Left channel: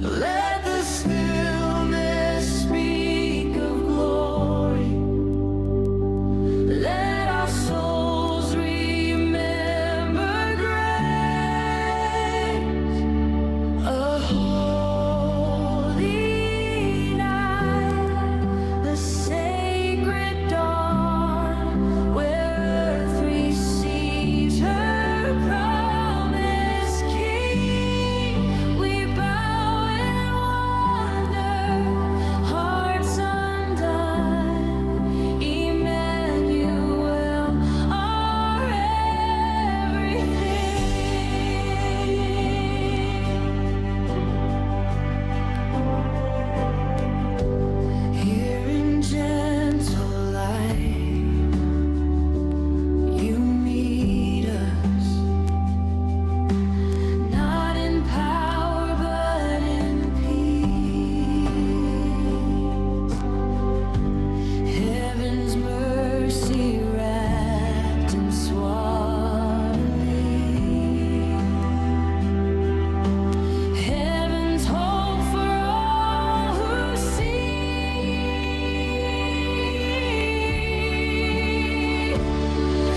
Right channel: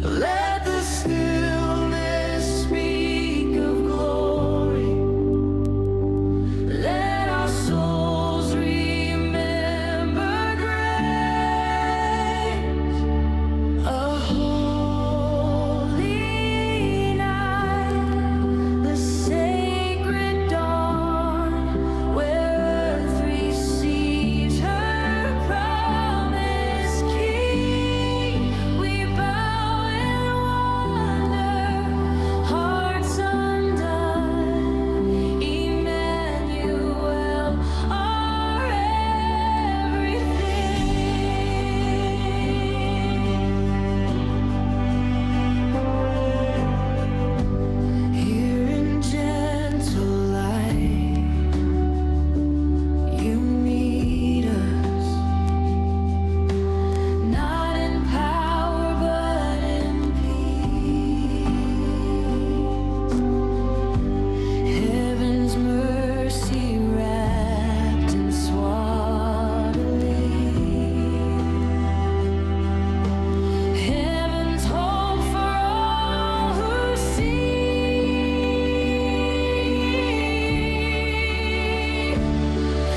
Let the stillness speak of glory. Let our souls remember grace. A holy night, the sacred dawn, where earth receives her promised King. We bow in wonder, hearts undone. Emmanuel, our everything. Here in gentle light, you meet us, not in power but in peace. Heaven's mercy wrapped in swaddling, heaven's hope for all who see.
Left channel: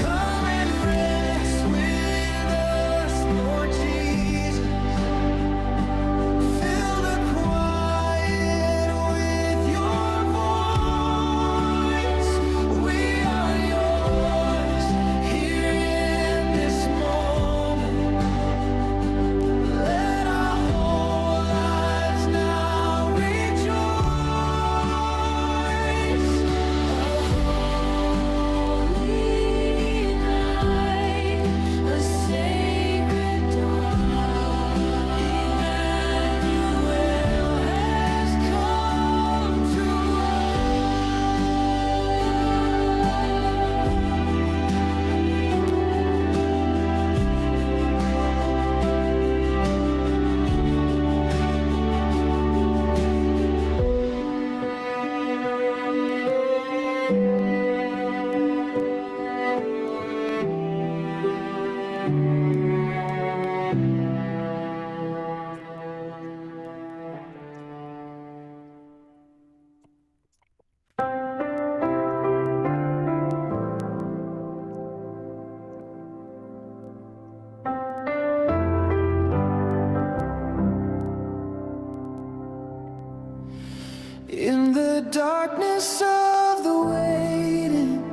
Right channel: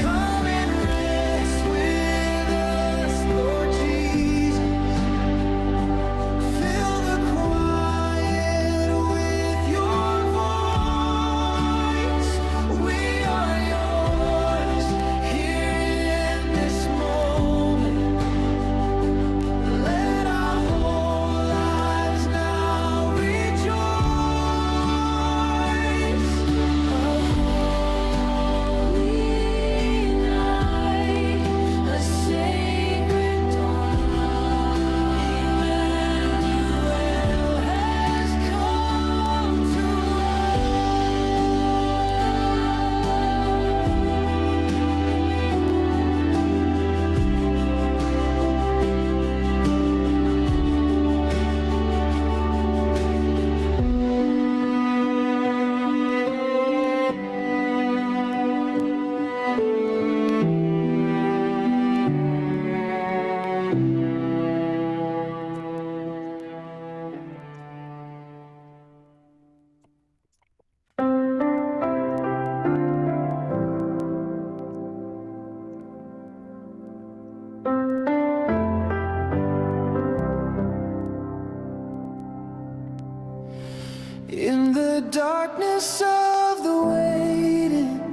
Come and rest with us, Lord Jesus. Fill the quiet with your voice. We are yours here in this moment. Let our whole lives now rejoice. A holy night, a sacred dawn. Emmanuel has come to in the darkness of the waiting,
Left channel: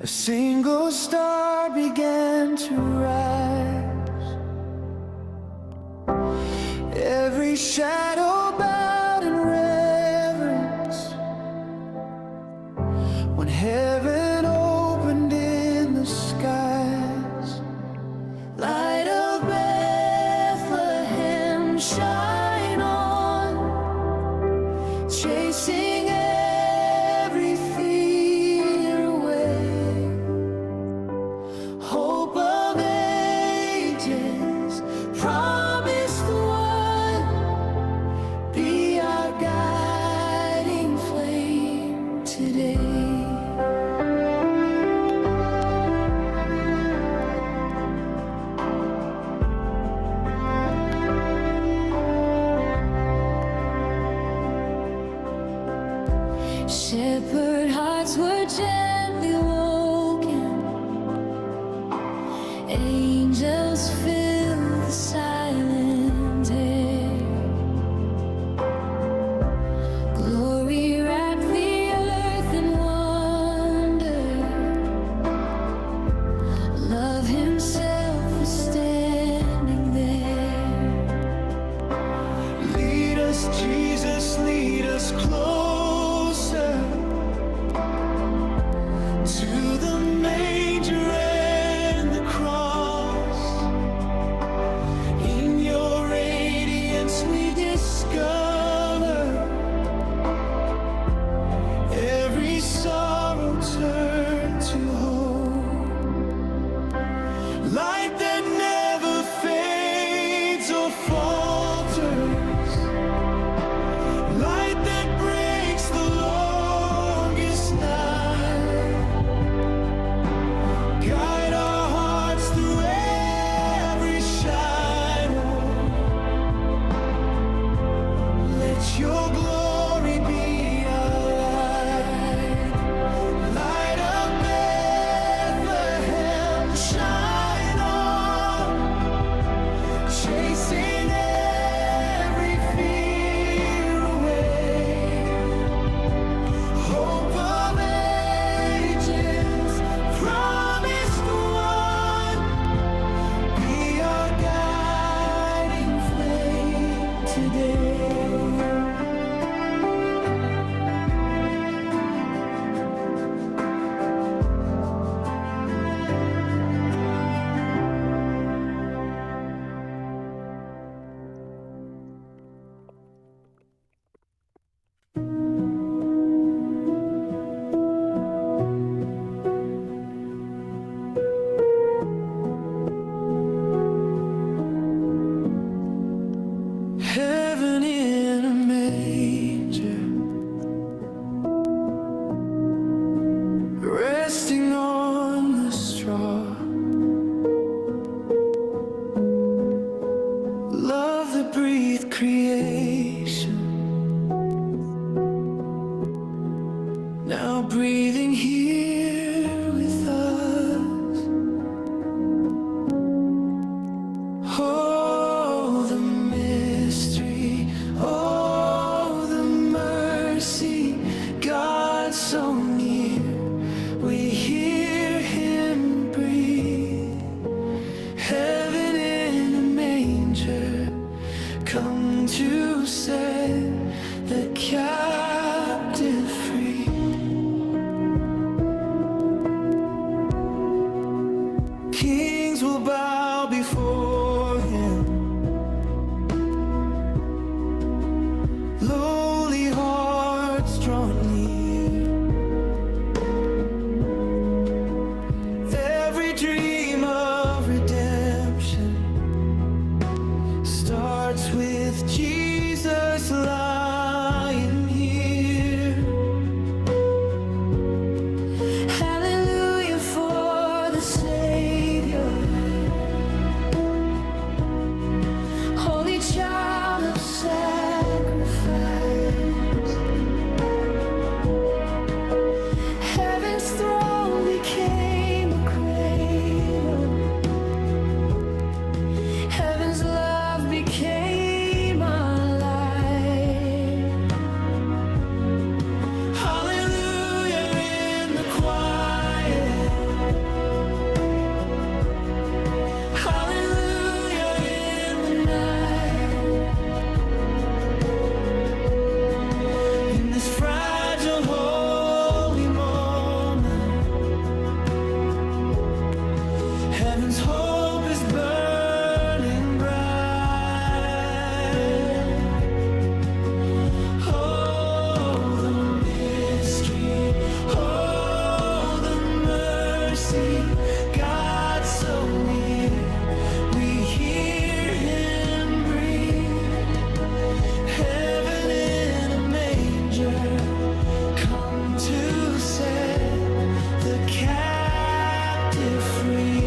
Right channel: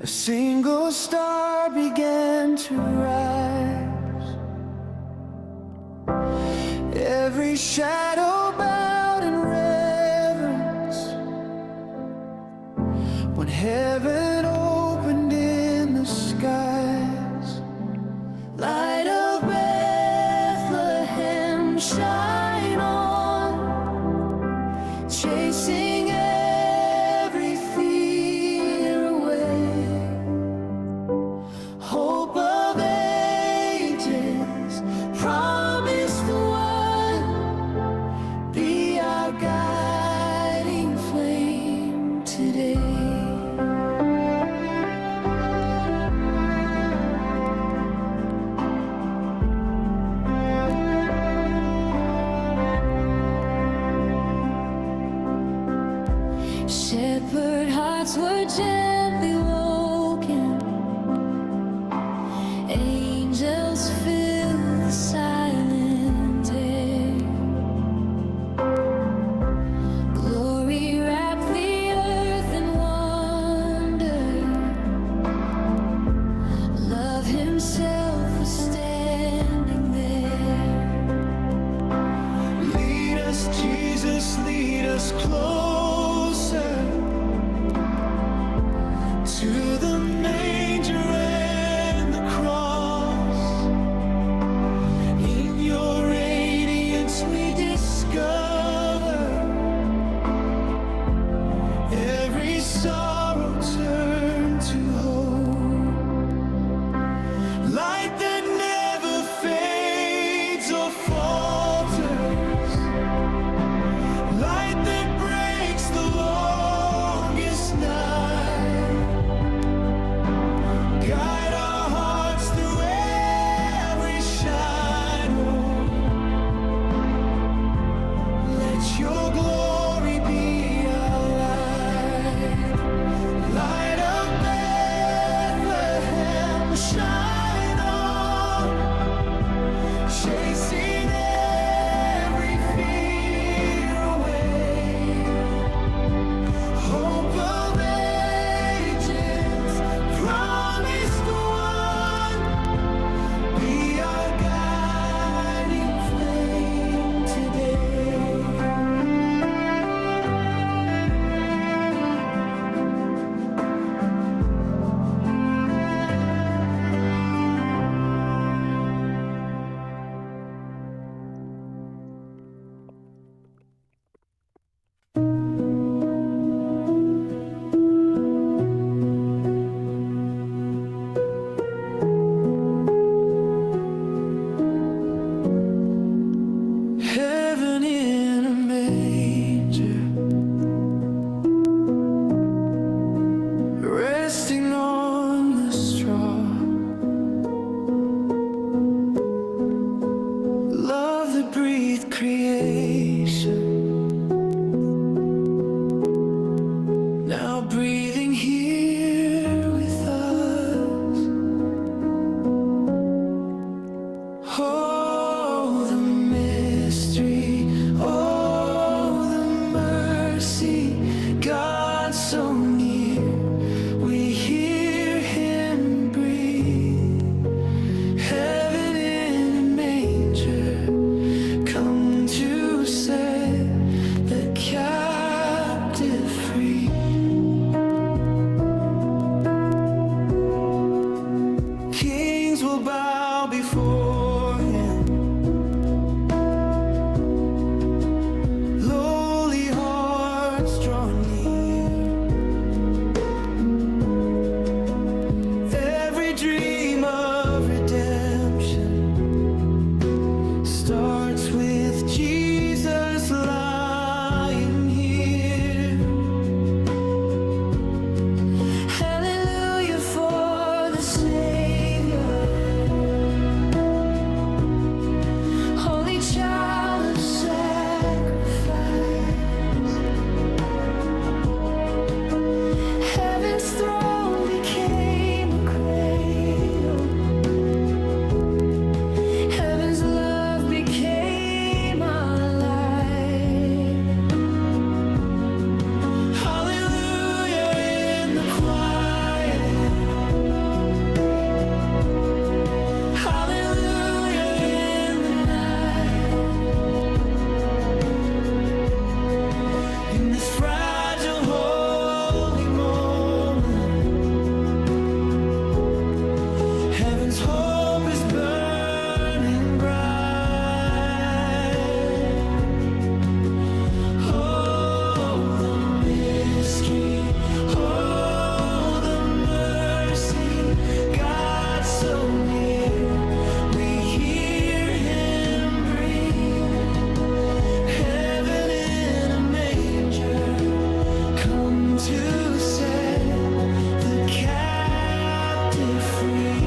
a single star began to rise. Every shadow bowed in reverence when heaven opened in the skies. Light of Bethlehem, shine on, chasing every fear away. Hope of ages, promised one, be our guiding flame today. Shepherd hearts were gently woken, angels filled the silent air. Glory wrapped the earth in wonder, love himself was standing there. Lead us, Jesus, lead us closer to the manger and the cross. In your radiance we discover every sorrow turned to hope. Light that never fades or falters, light that breaks the longest night. Guide our hearts through every shadow. shine on, chasing every fear away. Hope of ages, promised one, be our guiding flame today. Heaven in a manger, resting on the straw. Love that breathed creation, now breathing here with us. Oh, the mystery, oh, the mercy, God so near, we hear Him breathe. Heaven in a manger, come to set the captive free. Kings will bow before Him, lowly hearts draw near. Every dream of redemption starts with Jesus lying here. Hallelujah for the Savior, holy child of sacrifice. Heaven's throne became a cradle, heaven's love became our life. Hallelujah in the quiet, hallelujah in the night. In this fragile holy moment, heaven's hope is burning bright. Oh, the mystery, oh, the mercy, God so near, we hear Him breathe. Heaven in a manger, come to set the captive free.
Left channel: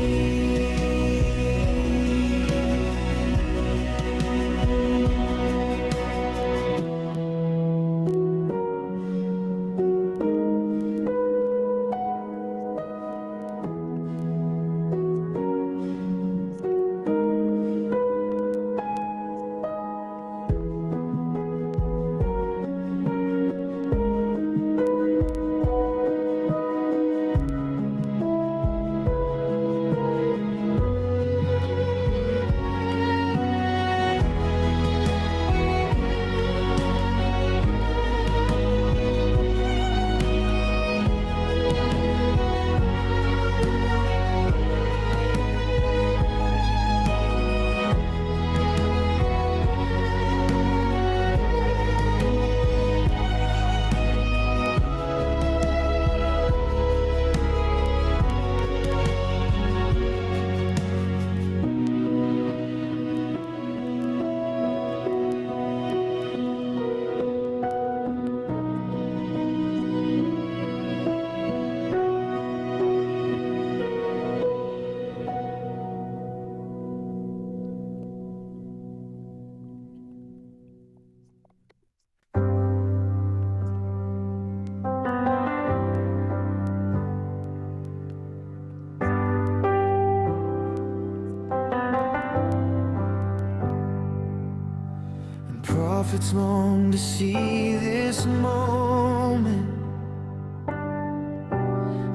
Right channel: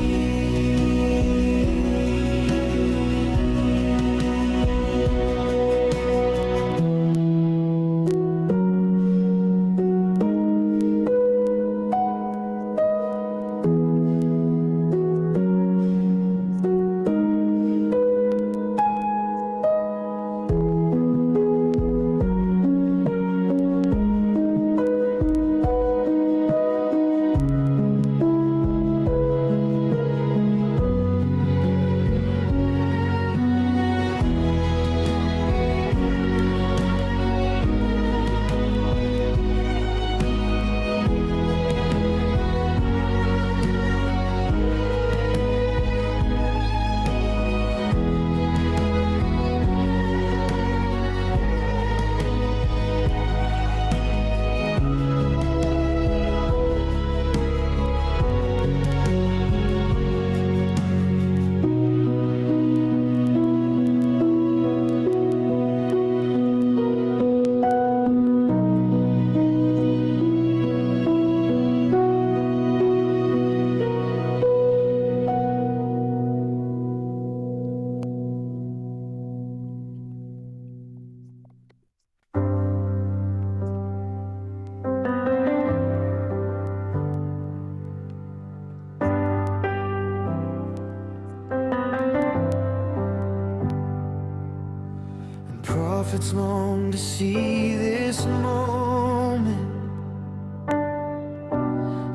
prophets long to see this moment.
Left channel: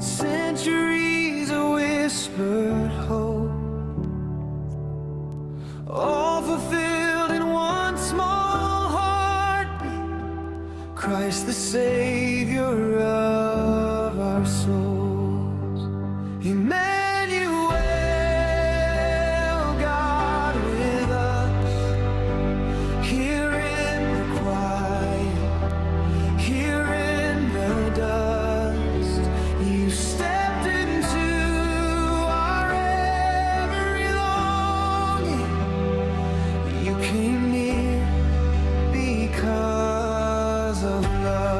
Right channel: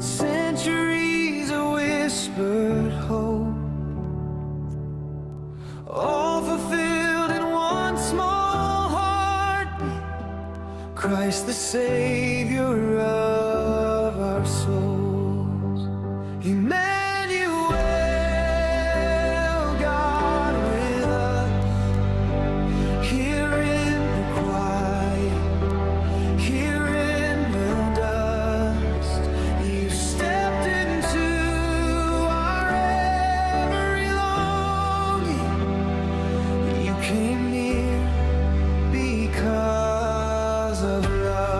Centuries of whispered hope, all fulfilled in one small heartbeat. Christ the Savior of our souls. Emmanuel, God with us. Here in the quiet, here in the dust, you stepped into our every longing. You came near because of love.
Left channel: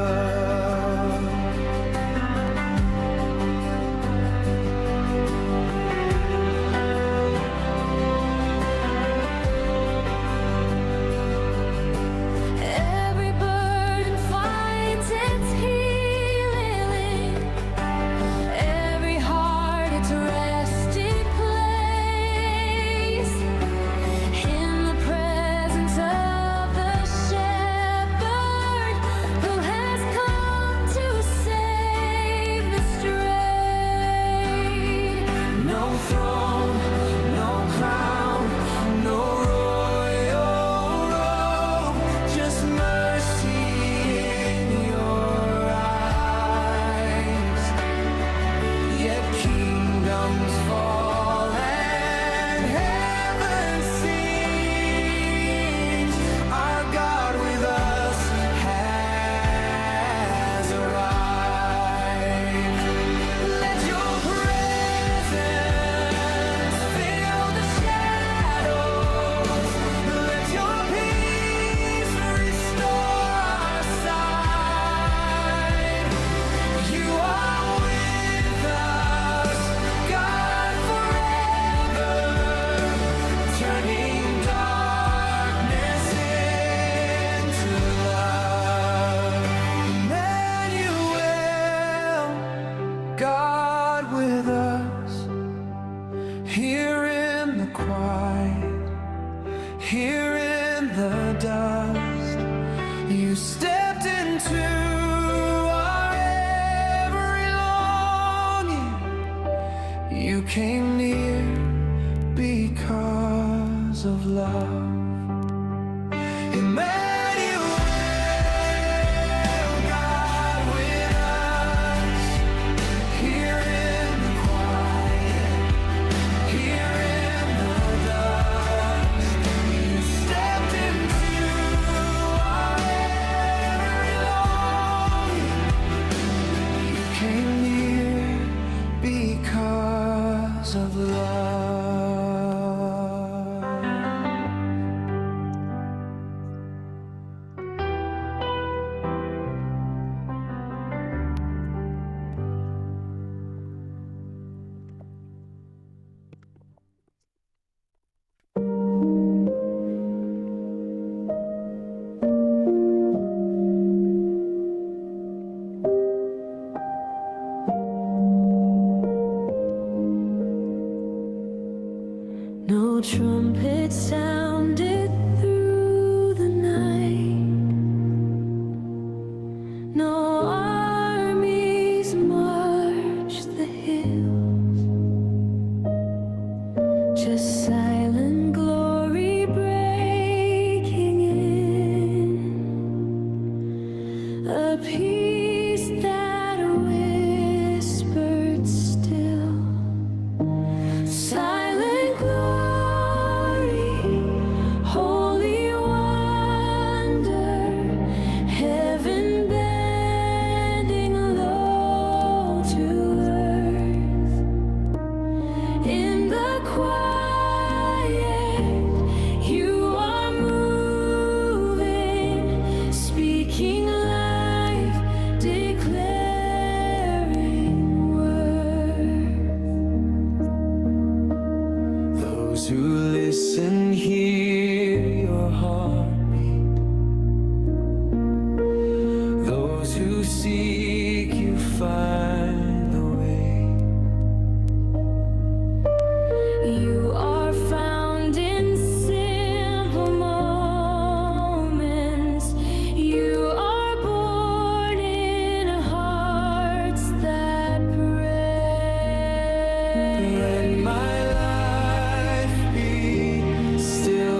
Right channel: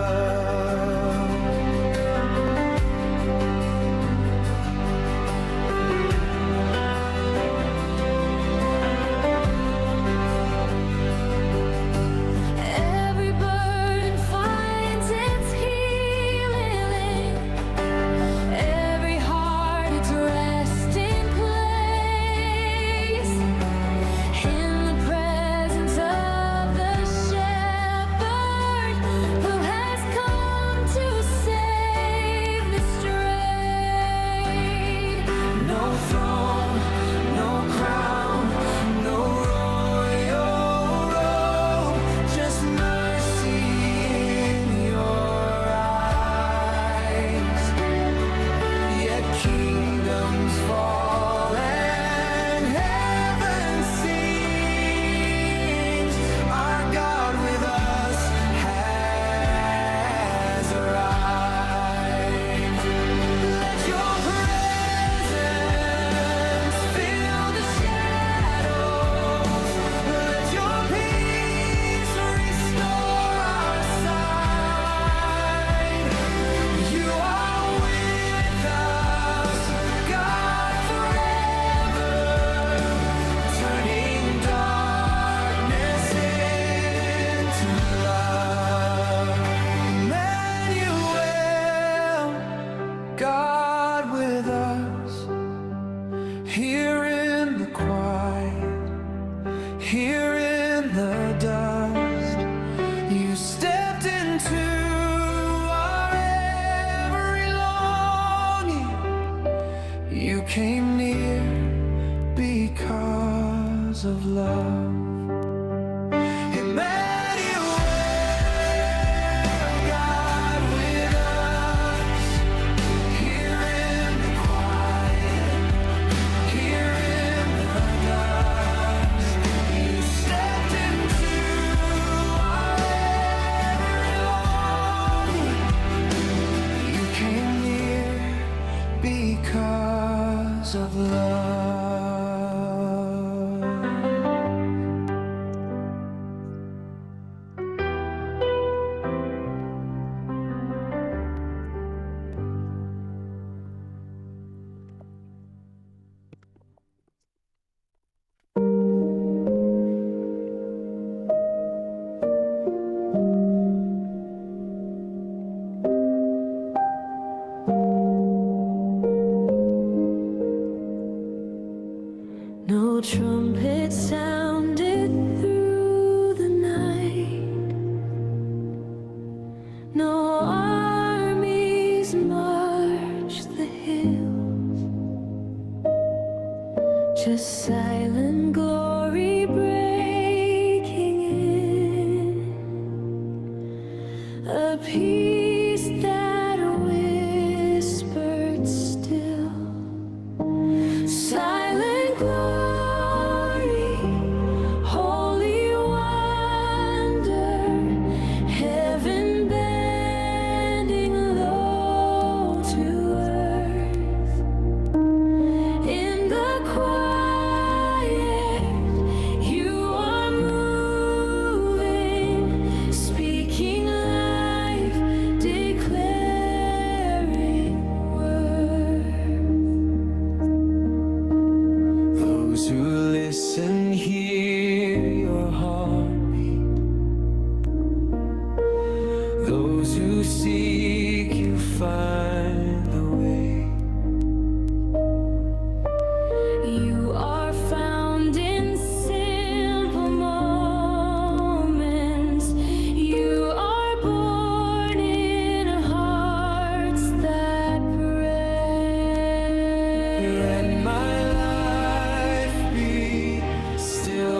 Every burden finds its healing, every heart its resting place, in the presence of the shepherd who has come to save the strayed. No throne, no crown, no royal robe, just mercy in your eyes. Yet kingdoms fall and heaven sings. Our God with us has arrived. Let your presence fill the shadows. Let your peace restore our sight. You are with us, God forever, turning darkness into love. Emmanuel, God with us, here in the quiet, here in the dust, you stepped into our every longing. You came near because of love. Emmanuel, God with us, here in the quiet, here in the dust. You stepped into our every longing. You came near because of love. No trumpet sounded through the night, no armies marched the hills, just silent glory breaking in, a peace that whispered still. Silent glory, holy wonder, heaven bending low to earth. In the quiet, you are moving, speaking life, declaring worth. Those who listen hear your heartbeat. Those who seek you find the way. You are found in simple moments.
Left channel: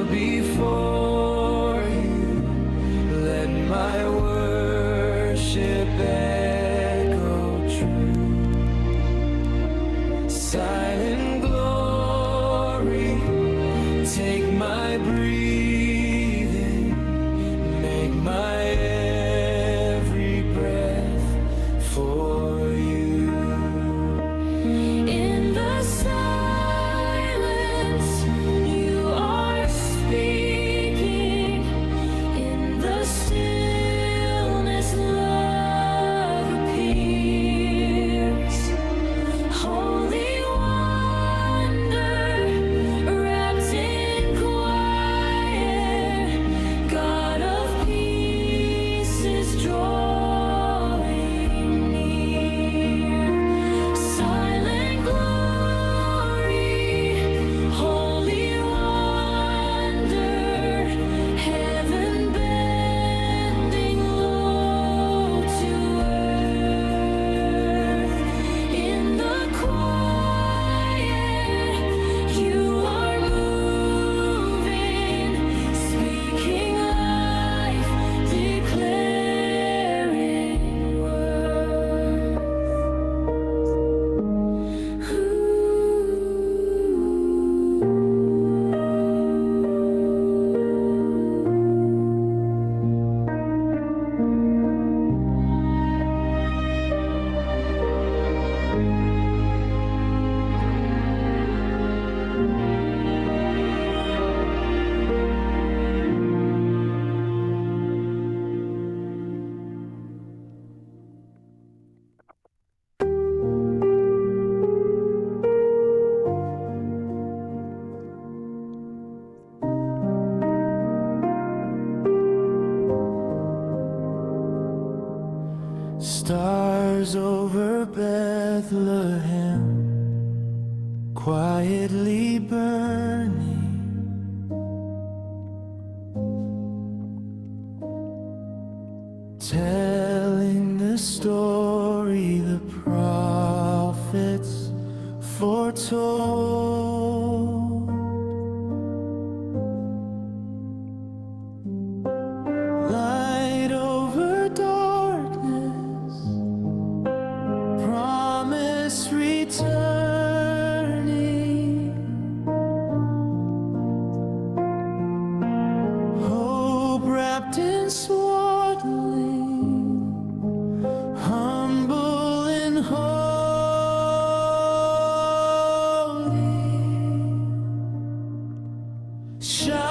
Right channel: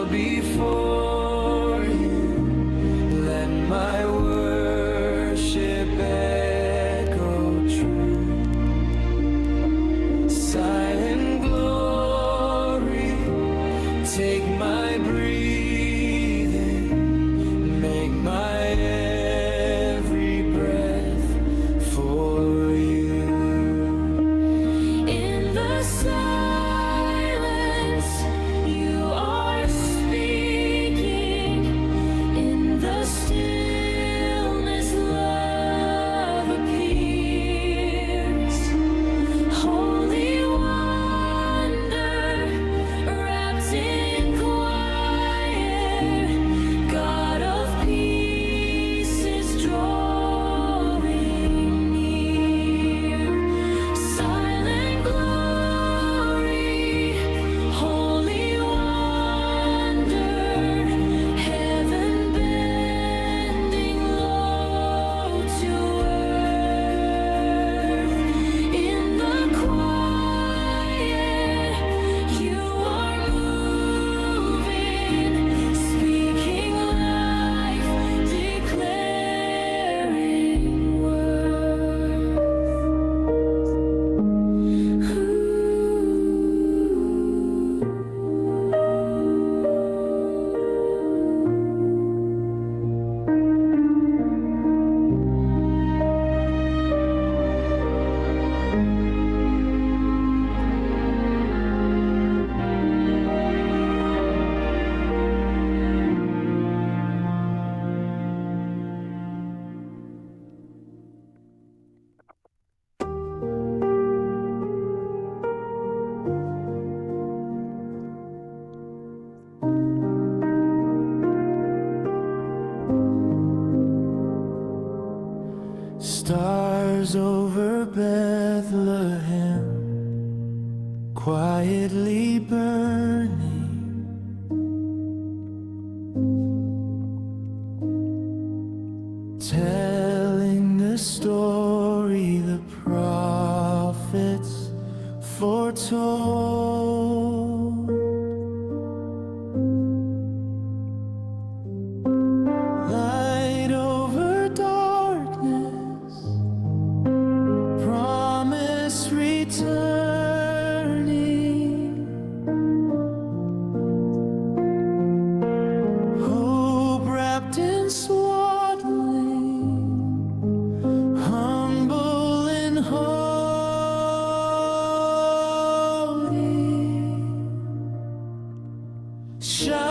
kneel before you. Let my worship echo true. Silent glory, take my breathing, make my every breath for you. In the silence, you are speaking. In the stillness, love appears. Holy wonder, wrapped in quiet, God of peace is drawing near. Silent glory, holy wonder, heaven bending low to earth. In the quiet, you are moving, speaking life, declaring worth. Stars over Bethlehem, quietly burning, telling the story the prophets foretold. Light over darkness, promise returning, hope wrapped in swaddling, humble and holy. Shine